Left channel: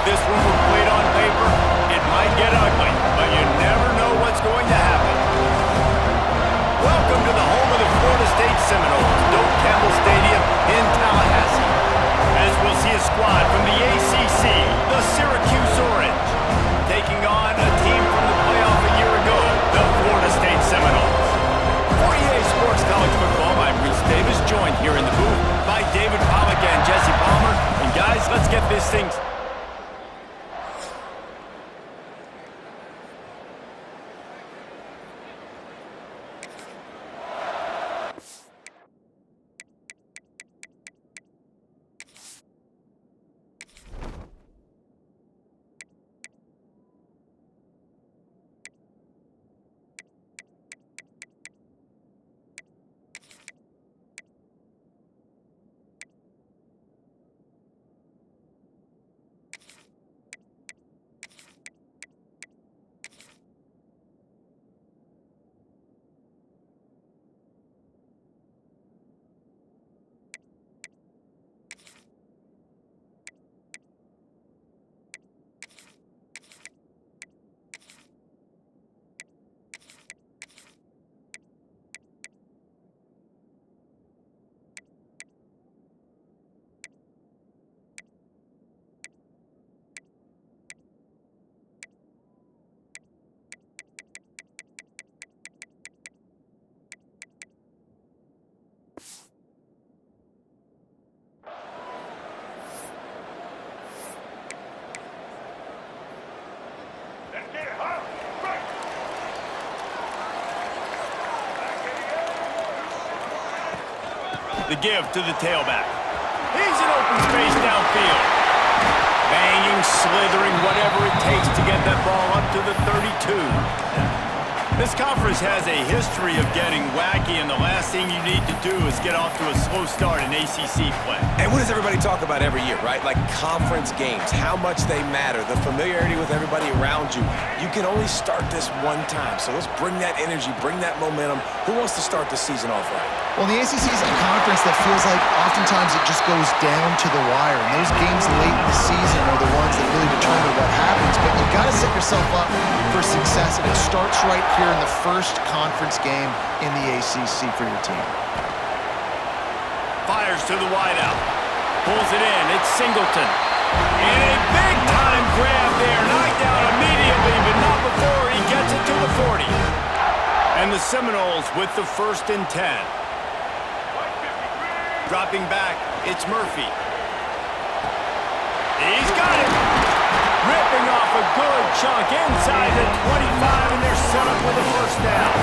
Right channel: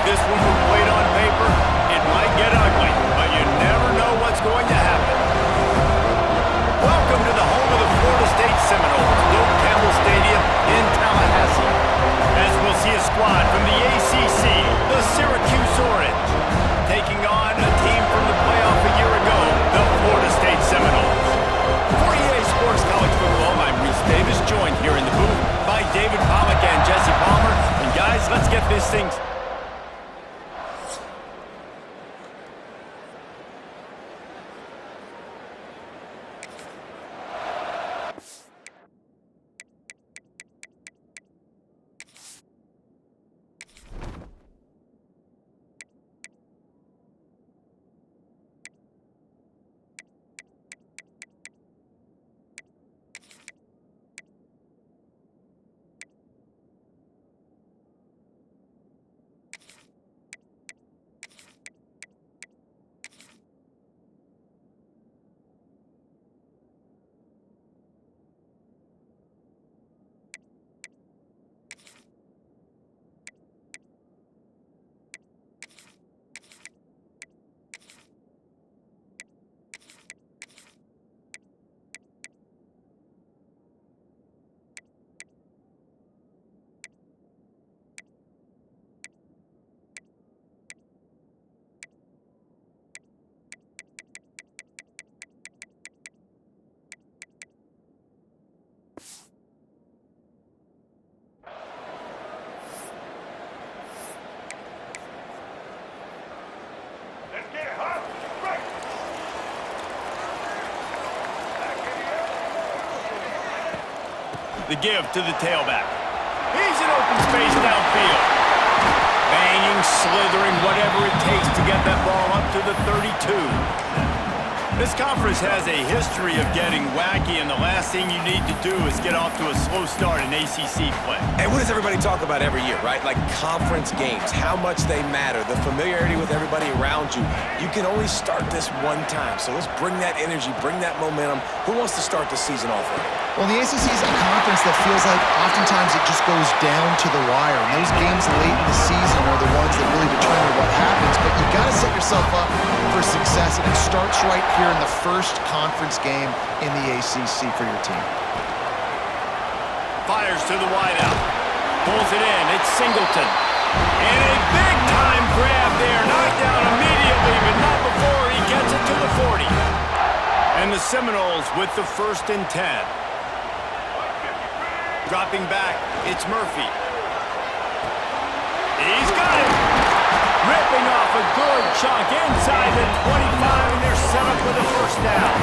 If this one were played on paper, it might get ugly, but you never know what's going to happen. Welcome to the home of the Florida State Seminoles, Doak Campbell Stadium in Tallahassee. As we'll see a squad from the ACC, the Syracuse Orange, taking on a team from the playoff a year ago, the Florida State Seminoles. For EA Sports College Football, I'm Reese Davis, joined here in the booth by David Pollack and Jesse Palmer. And guys, let's get this thing... The give to the tailback. He's in open space downfield. Banging, slithering, whatever it takes to get that ball up to the 32. This conference has a history of getting wacky, and the last thing you need to do is get off to a slow start in ACC play. And what does everybody talk about every year, right? Like conference games, how much they matter, the familiarity with everybody around you. You can only start this one time, so let's bring that energy, bring that momentum. Who wants to start the season off right? Well, the ACC is a conference that feels like oftentimes it just goes down to the wire, and those games late in the season are the ones that really determine what happens, but you've got to set yourself up for success, and it starts right here in the first conference game in the ACC for your team. Fires to the wideout. Pulls it in. It's Singleton. And a big-time grab there. Knocked down immediately, but not before he gets it to the 40. And the Seminoles with the 1st and 10. Dropping back, it's Murphy. He's got it. Ripping off a good chunk inside the 25, and they're set up with a 1st down.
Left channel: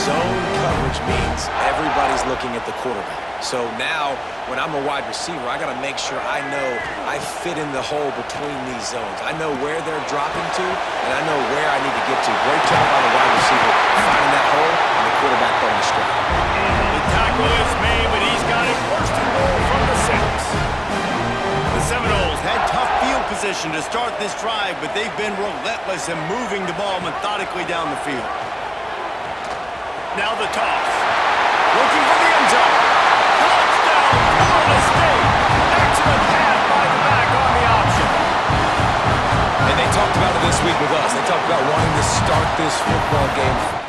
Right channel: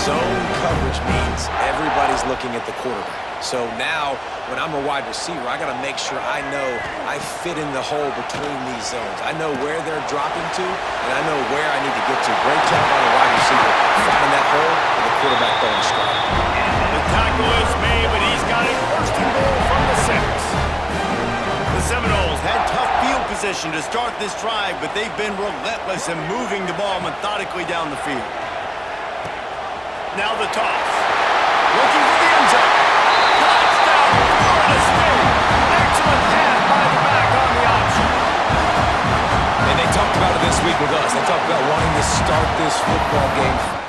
Zone coverage means everybody's looking at the quarterback. So now, when I'm a wide receiver, I got to make sure I know I fit in the hole between these zones. I know where they're dropping to, and I know where I need to get to. Great job by the wide receiver finding that hole, and the quarterback throwing a strike. The tackle is made, but he's got it 1st and goal from the 6. The Seminoles had tough field position to start this drive, but they've been relentless in moving the ball methodically down the field. Now the toss. Looking for the end zone. Touchdown, Florida State. Excellent pass by the back on the option. And they talked about it this week with us. They talked about wanting to start this football game fast.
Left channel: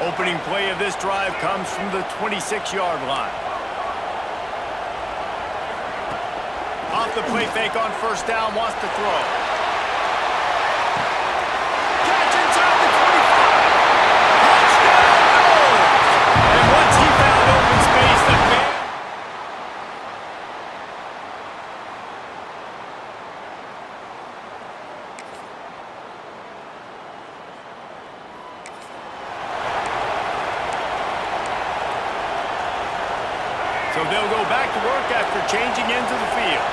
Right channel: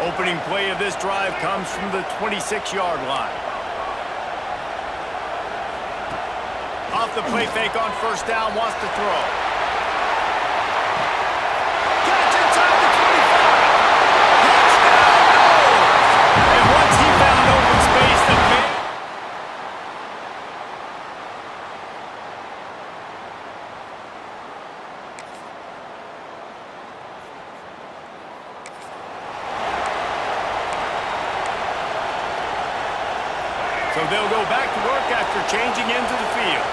Opening play of this drive comes from the 26-yard line. Off the play fake on 1st down, wants to throw. Catch inside the 25. Touchdown, Noles! And once he found open space, the man... So they'll go back to work after changing into the field.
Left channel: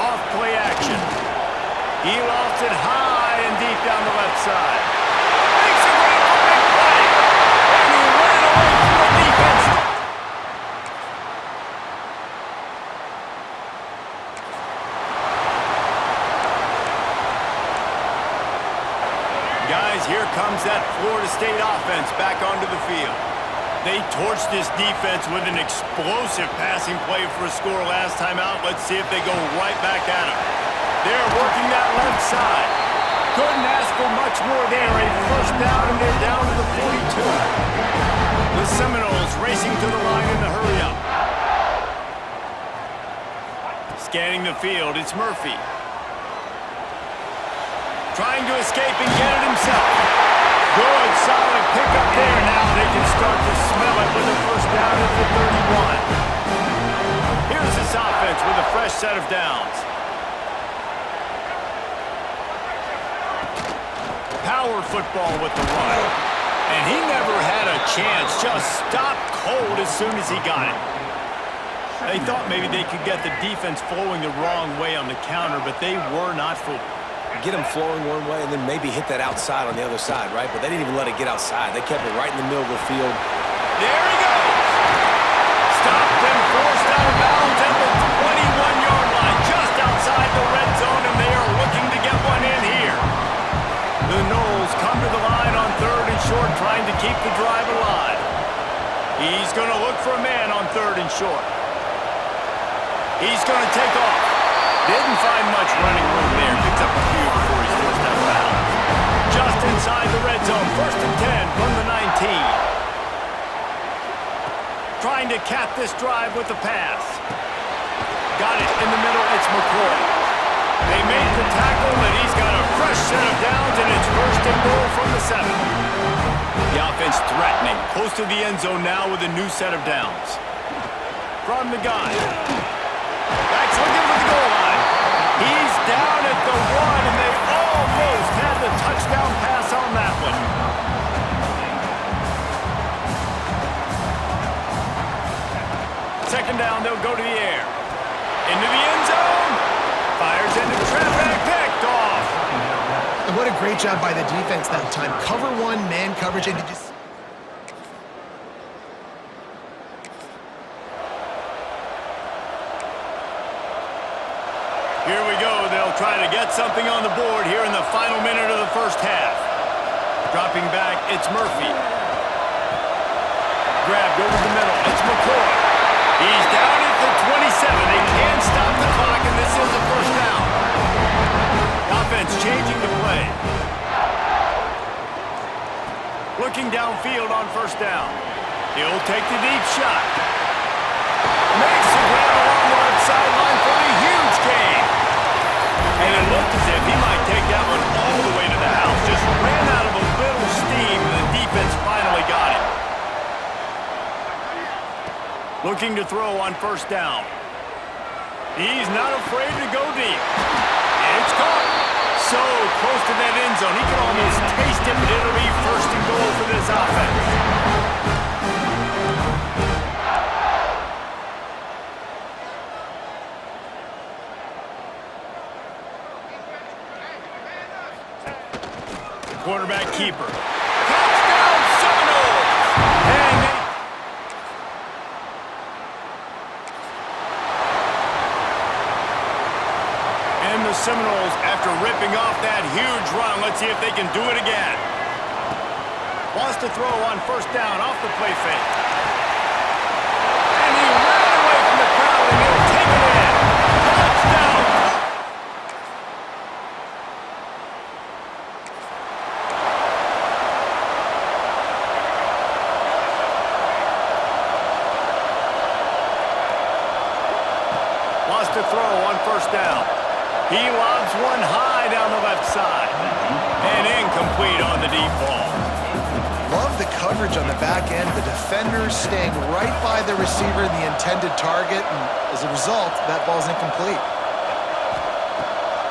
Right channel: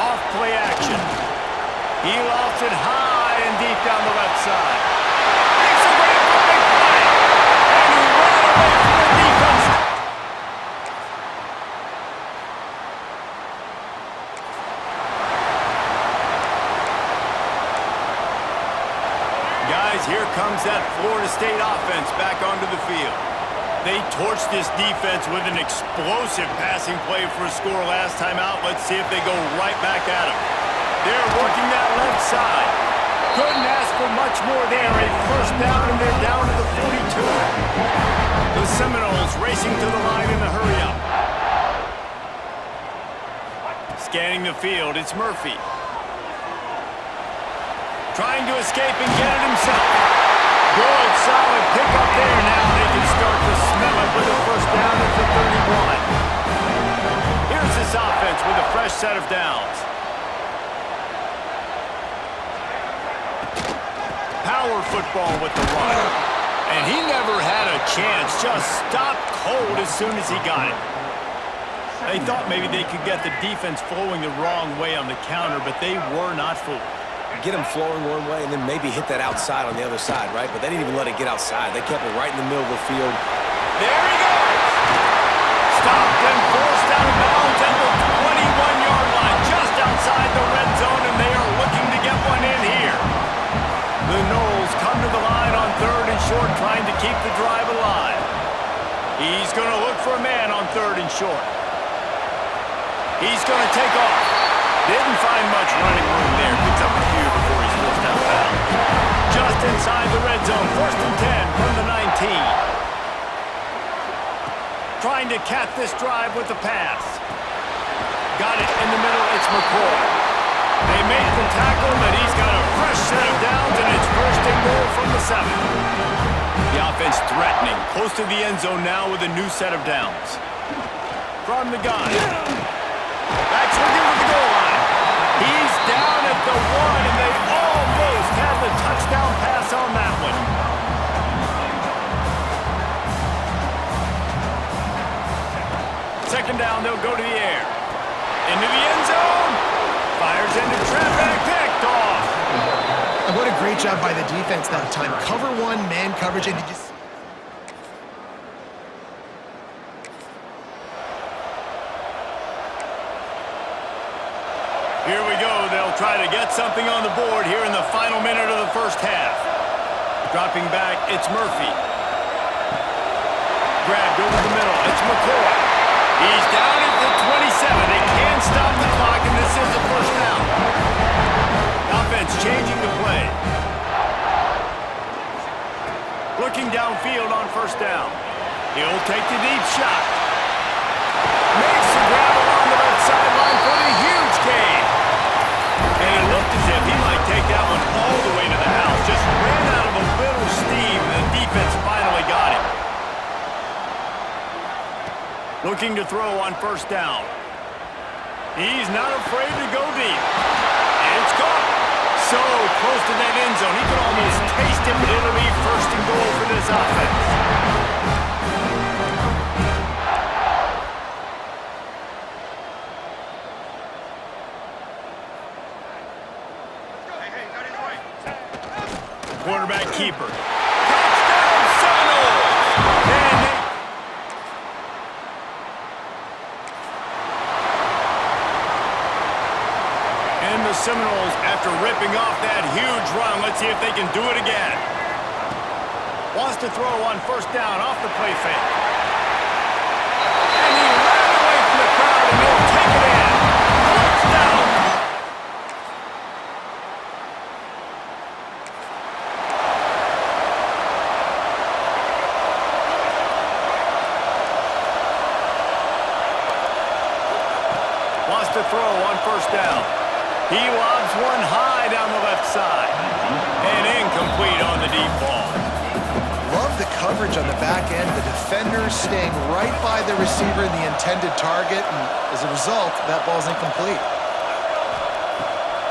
Off play action. He lofts it high and deep down the left side. Makes a grab for a big play. And he ran away from the defense. guys, here comes that Florida State offense back onto the field. They torched this defense with an explosive passing play for a score last time out. Let's see if they go right back at them. They're working that left side. Couldn't ask for much more there. A first down, and they're down to the 42. The Seminoles racing to the line in the hurry-up. Scanning the field, it's Murphy. Trying to escape and get it himself. Good, solid pickup there. Now they can start to smell it with a first down at the 31. Here's this offense with a fresh set of downs. Power football with the run. And he never had a chance. Just stopped cold as soon as he got it. They thought maybe they could get the defense flowing the wrong way on the counter, but they were not fooled. Get them flowing one way and then maybe hit that outside on the other side, right? But they didn't even let it get outside. They kept it right in the middle of the field. There he goes! Stopped and forced out of bounds at the 21-yard line, just outside the red zone, and they are looking to get one in here. The Noles come to the line on 3rd and short, trying to keep the drive alive. He's going to look for a man on 3rd and short. He's going to take off. Didn't find much running room there. Picks up a few before he's forced out of bounds. Just inside the red zone. 1st and 10 from the 19. Trying to cap this drive with the pass. Got it in the middle. It's McCoy. They make the tackle, and he's got a fresh set of downs, and it's 1st and goal from the 7. The offense threatening. Close to the end zone now with a new set of downs. From the gun. Back's looking for the goal line. He's down at the 1, and they almost had the touchdown pass on that one. Second down, they'll go to the air. Into the end zone. Fires into traffic, picked off. And what a great job by the defense that time. Cover 1, man coverage, and you just... Here we go. They'll try to get something on the board here in the final minute of the first half. Dropping back, it's Murphy. Grabbed over the middle. It's McCoy. He's down at the 27. They can't stop the clock, and this is a first down. Offense changing the play. Looking downfield on first down. He'll take the deep shot. Makes the grab along the left sideline for a huge gain. And it looked as if he might take that one all the way to the house. Just ran out of a little steam, and the defense finally got it. Looking to throw on first down. He's not afraid to go deep. It's caught. So close to that end zone. He could almost taste it, but it'll be 1st and goal for this offense. Quarterback keeper. Touchdown Seminoles! And the Seminoles, after ripping off that huge run, let's see if they can do it again. Wants to throw on first down off the play fake. And he ran away from the crowd, and he'll take it in. Touchdown! Wants to throw on first down. He lobs one high down the left side. And incomplete on the deep ball. Love the coverage on the back end. The defenders staying right by the receiver in the intended target. And as a result, that ball's incomplete.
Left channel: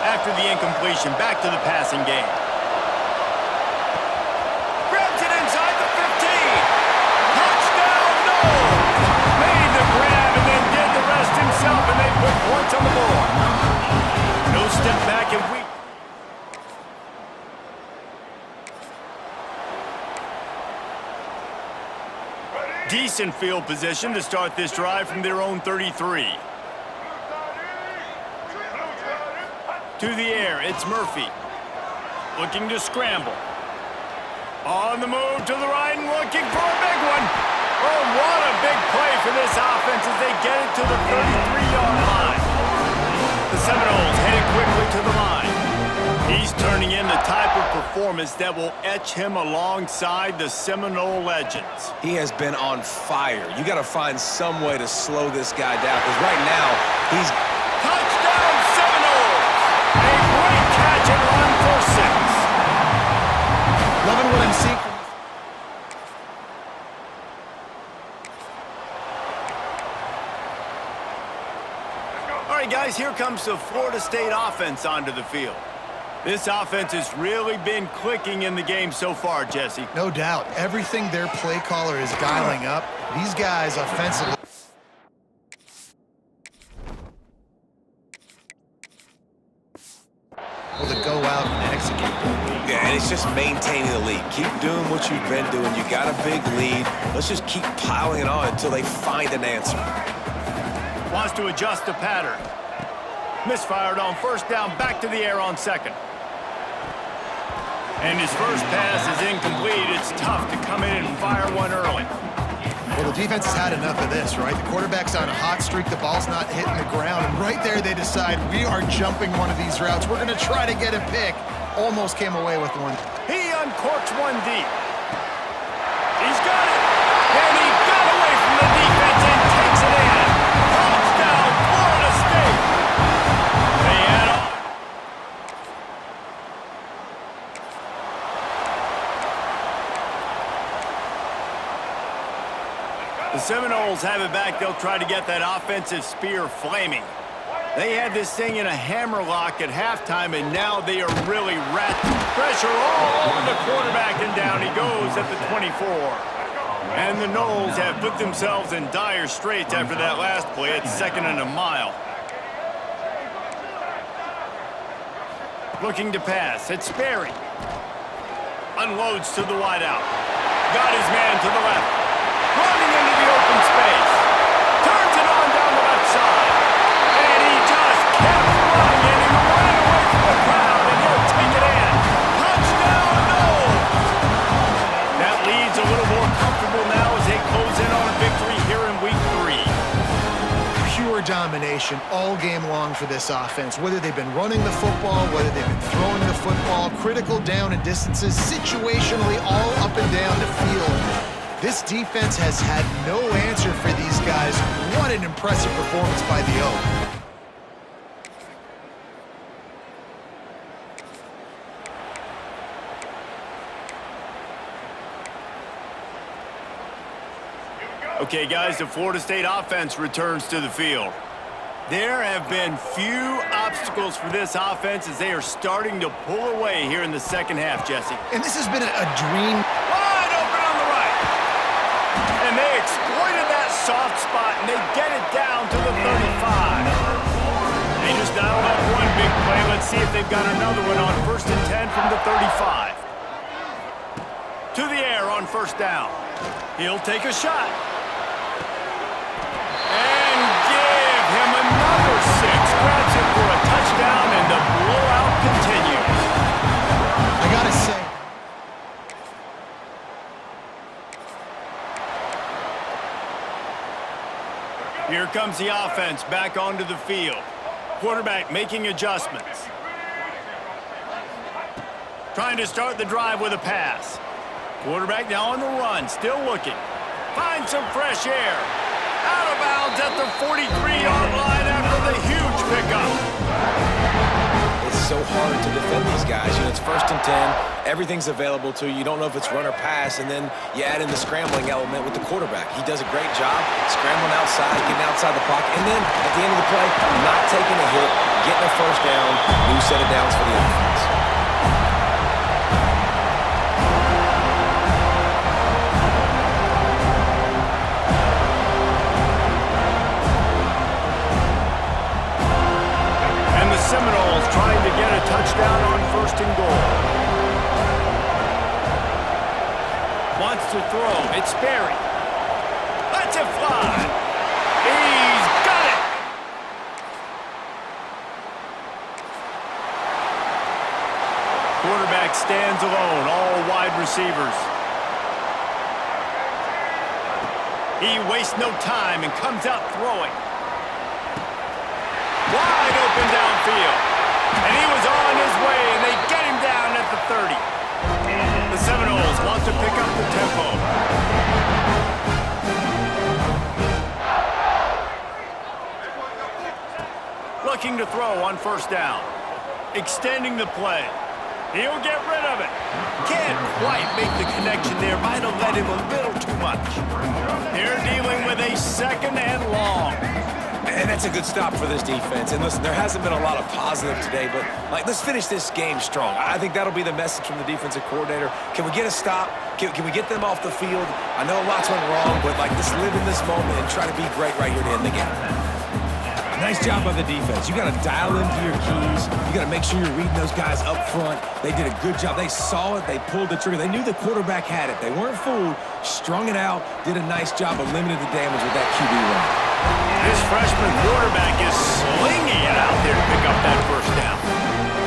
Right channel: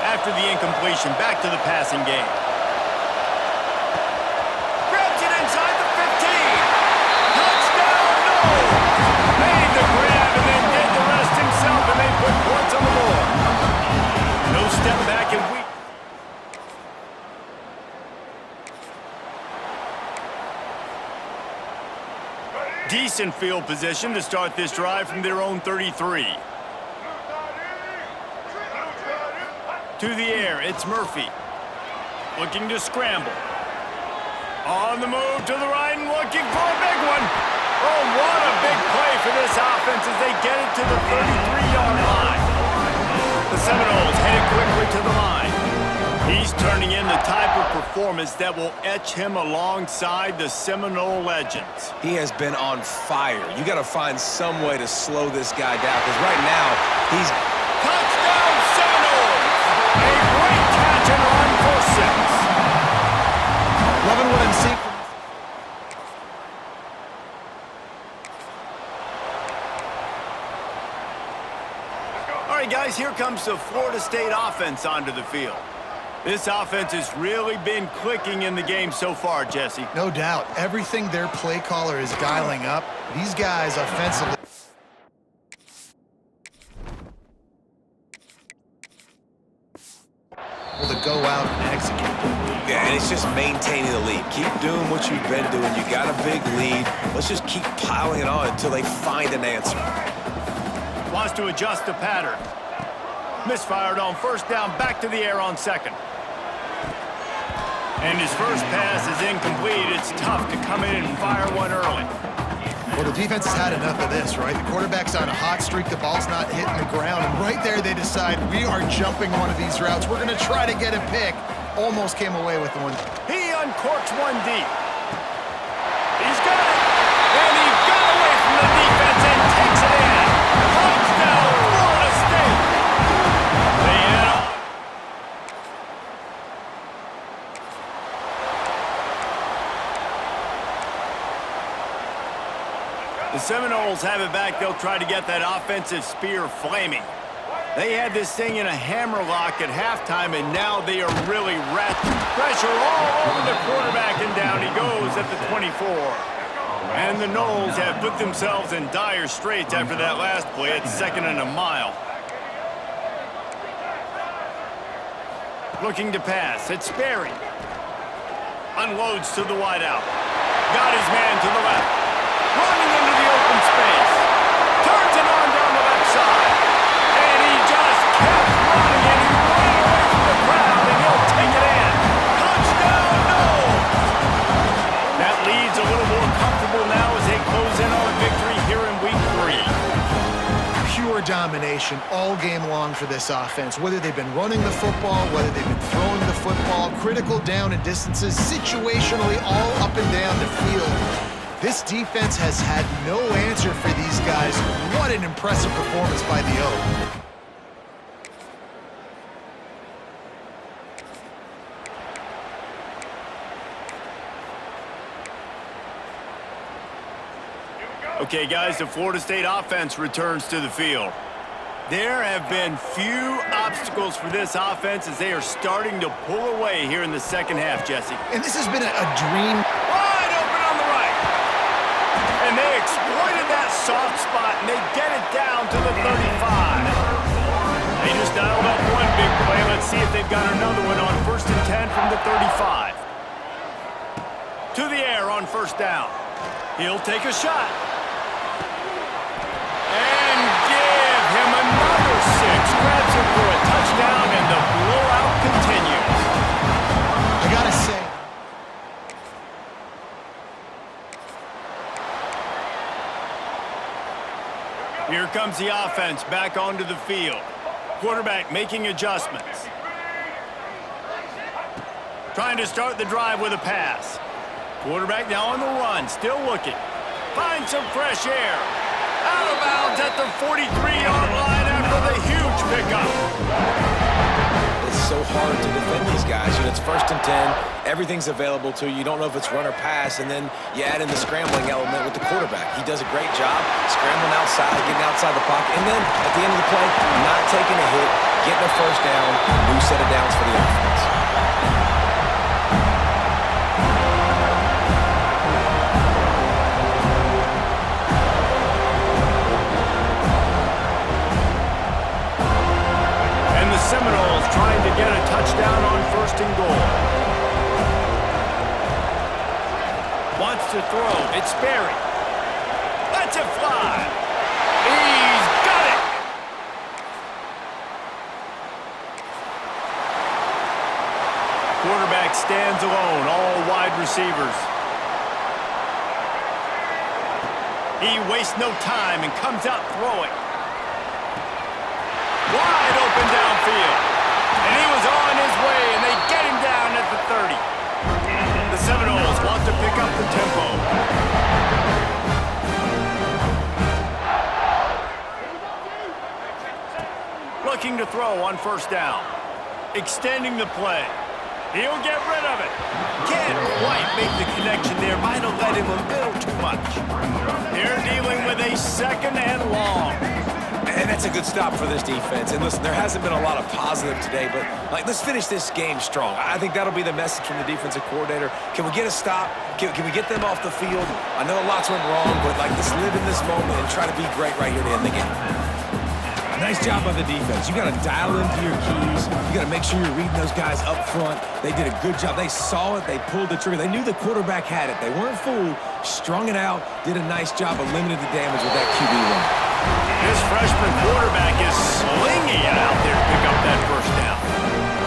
After the incompletion, back to the passing game. Grabs it inside the 15. Touchdown, Noles! Made the grab and then did the rest himself, and they put points on the board. No step back and weak. Decent field position to start this drive from their own 33. To the air, it's Murphy. Looking to scramble. On the move to the right and looking for a big one. Oh, what a big play for this offense as they get it to the 33-yard line. The Seminoles headed quickly to the line. He's turning in the type of performance that will etch him alongside the Seminole legends. He has been on fire. You got to find some way to slow this guy down because right now he's... Touchdown Seminoles! A great catch and run for 6. Loving what I'm seeing from All right, guys, here comes the Florida State offense onto the field. This offense has really been clicking in the game so far, Jesse. No doubt. Everything their play caller is dialing up, these guys offensively. Able to go out and execute. Yeah, and it's just maintaining the lead. Keep doing what you've been doing. You got a big lead. Let's just keep piling it on until they find an answer. Wants to adjust the pattern. Misfired on first down, back to the air on second. And his first pass is incomplete. It's tough to come in and fire one early. Well, the defense has had enough of this, right? The quarterback's on a hot streak. The ball's not hitting the ground. And right there, they decide, we are jumping one of these routes. We're going to try to get a pick. Almost came away with the one. He uncorks one deep. He's got it. And he got away from the defense and takes it in. Touchdown, Florida State. They add on. The Seminoles have it back. They'll try to get that offensive spear flaming. They had this thing in a hammerlock at halftime, and now they are really pressure all over the quarterback, and down he goes at the 24. And the Noles have put themselves in dire straits after that last play at 2nd and a mile. Looking to pass. It's Sperry. Unloads to the wideout. Got his man to the left. Running into the open space. Turns it on down the left side. And he just kept running, and he ran away from the crowd, and he'll take it in. Touchdown, Noles! That lead's a little more comfortable now as they close in on a victory here in Week 3. Pure domination all game long for this offense. Whether they've been running the football, whether they've been throwing the football, critical down and distances, situationally all up and down the field. This defense has had no answer for these guys. What an impressive performance by the Oak. Okay, guys, the Florida State offense returns to the field. There have been few obstacles for this offense as they are starting to pull away here in the second half, Jesse. And this has been a dream. Wide open on the right. And they exploited that soft spot, and they get it down to the 35. They just dialed up one big play. Let's see if they've got another one on 1st and 10 from the 35. To the air on first down. He'll take a shot. And give him another 6. Grabs it for a touchdown, and the blowout continues. I gotta say, here comes the offense back onto the field. Quarterback making adjustments. Trying to start the drive with a pass. Quarterback now on the run, still looking. Finds some fresh air. Out of bounds at the 43-yard line after the huge pickup. It's so hard to defend these guys. You know, it's 1st and 10. Everything's available to you. You don't know if it's run or pass, and then you add in the scrambling element with the quarterback. He does a great job scrambling outside, getting outside the pocket, and then at the end of the play, not taking a hit, getting a first down, new set of downs for the offense. Seminoles trying to get a touchdown on 1st and goal. Wants to throw. It's Sperry. Lets it fly. He's got it. Quarterback stands alone, all wide receivers. He wastes no time and comes out throwing. Wide open downfield. And he was on his way, and they get him down at the 30. The Seminoles want to pick up the tempo. Looking to throw on first down. Extending the play. He'll get rid of it. Can't quite make the connection there. Might have led him a little too much. They're dealing with a second and long. And that's a good stop for this defense. And listen, there hasn't been a lot of positive today, but let's finish this game strong. I think that'll be the message from the defensive coordinator. Can we get a stop? Can we get them off the field? I know lots went wrong, but let's live in this moment and try to be great right here to end the game. Nice job by the defense. You got to dial into your keys. You got to make sure you're reading those guys up front. They did a good job. They saw it. They pulled the trigger. They knew the quarterback had it. They weren't fooled. Strung it out. Did a nice job of limiting the damage with that QB run. This freshman quarterback is slinging it out there to pick up that first down.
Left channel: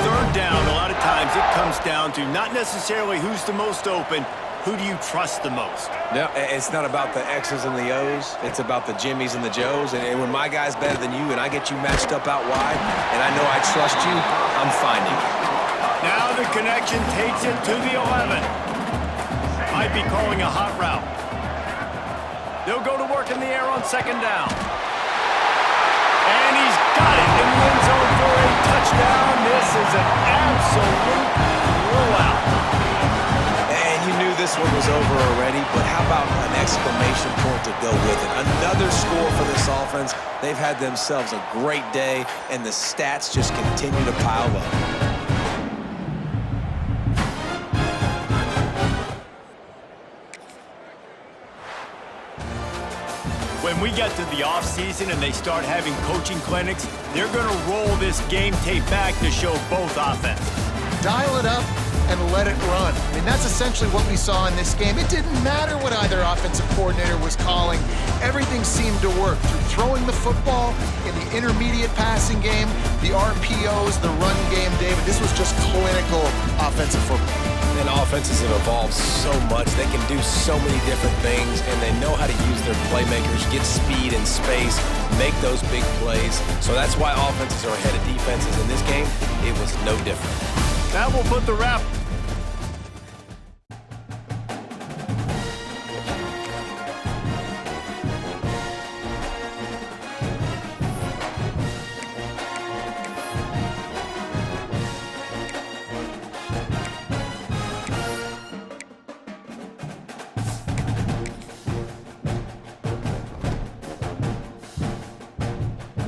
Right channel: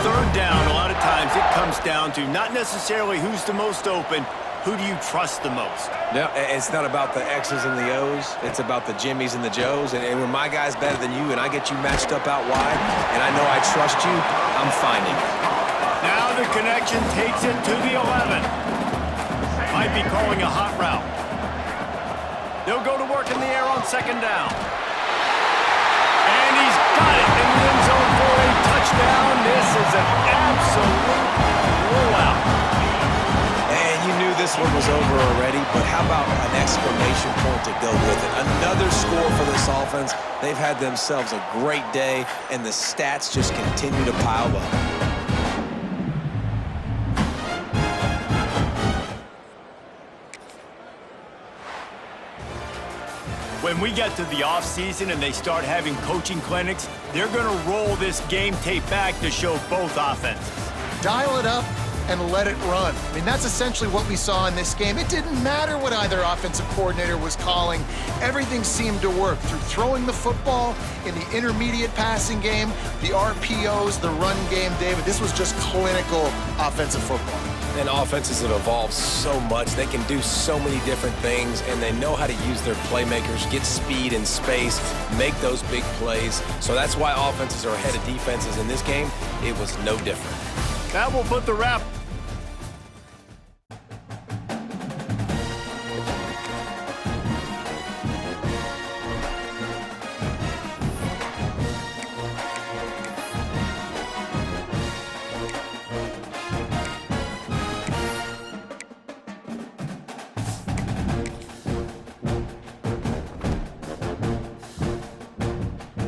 Third down, a lot of times it comes down to not necessarily who's the most open, who do you trust the most? No, it's not about the X's and the O's. It's about the Jimmies and the Joes. And when my guy's better than you and I get you matched up out wide and I know I trust you, I'm finding you. Now the connection takes it to the 11. Might be calling a hot route. They'll go to work in the air on second down. And he's got it in the end zone for a touchdown. This is an absolute blowout. And you knew this one was over already, but how about an exclamation point to go with it? Another score for this offense. They've had themselves a great day, and the stats just continue to pile up. When we get to the offseason and they start having coaching clinics, they're going to roll this game tape back to show both offenses. Dial it up and let it run. I mean, that's essentially what we saw in this game. It didn't matter what either offensive coordinator was calling. Everything seemed to work through throwing the football in the intermediate passing game, the RPOs, the run game, David. This was just clinical offensive football. And offenses have evolved so much. They can do so many different things, and they know how to use their playmakers, get speed and space, make those big plays. So that's why offenses are ahead of defenses in this game. It was no different. That will put the wrap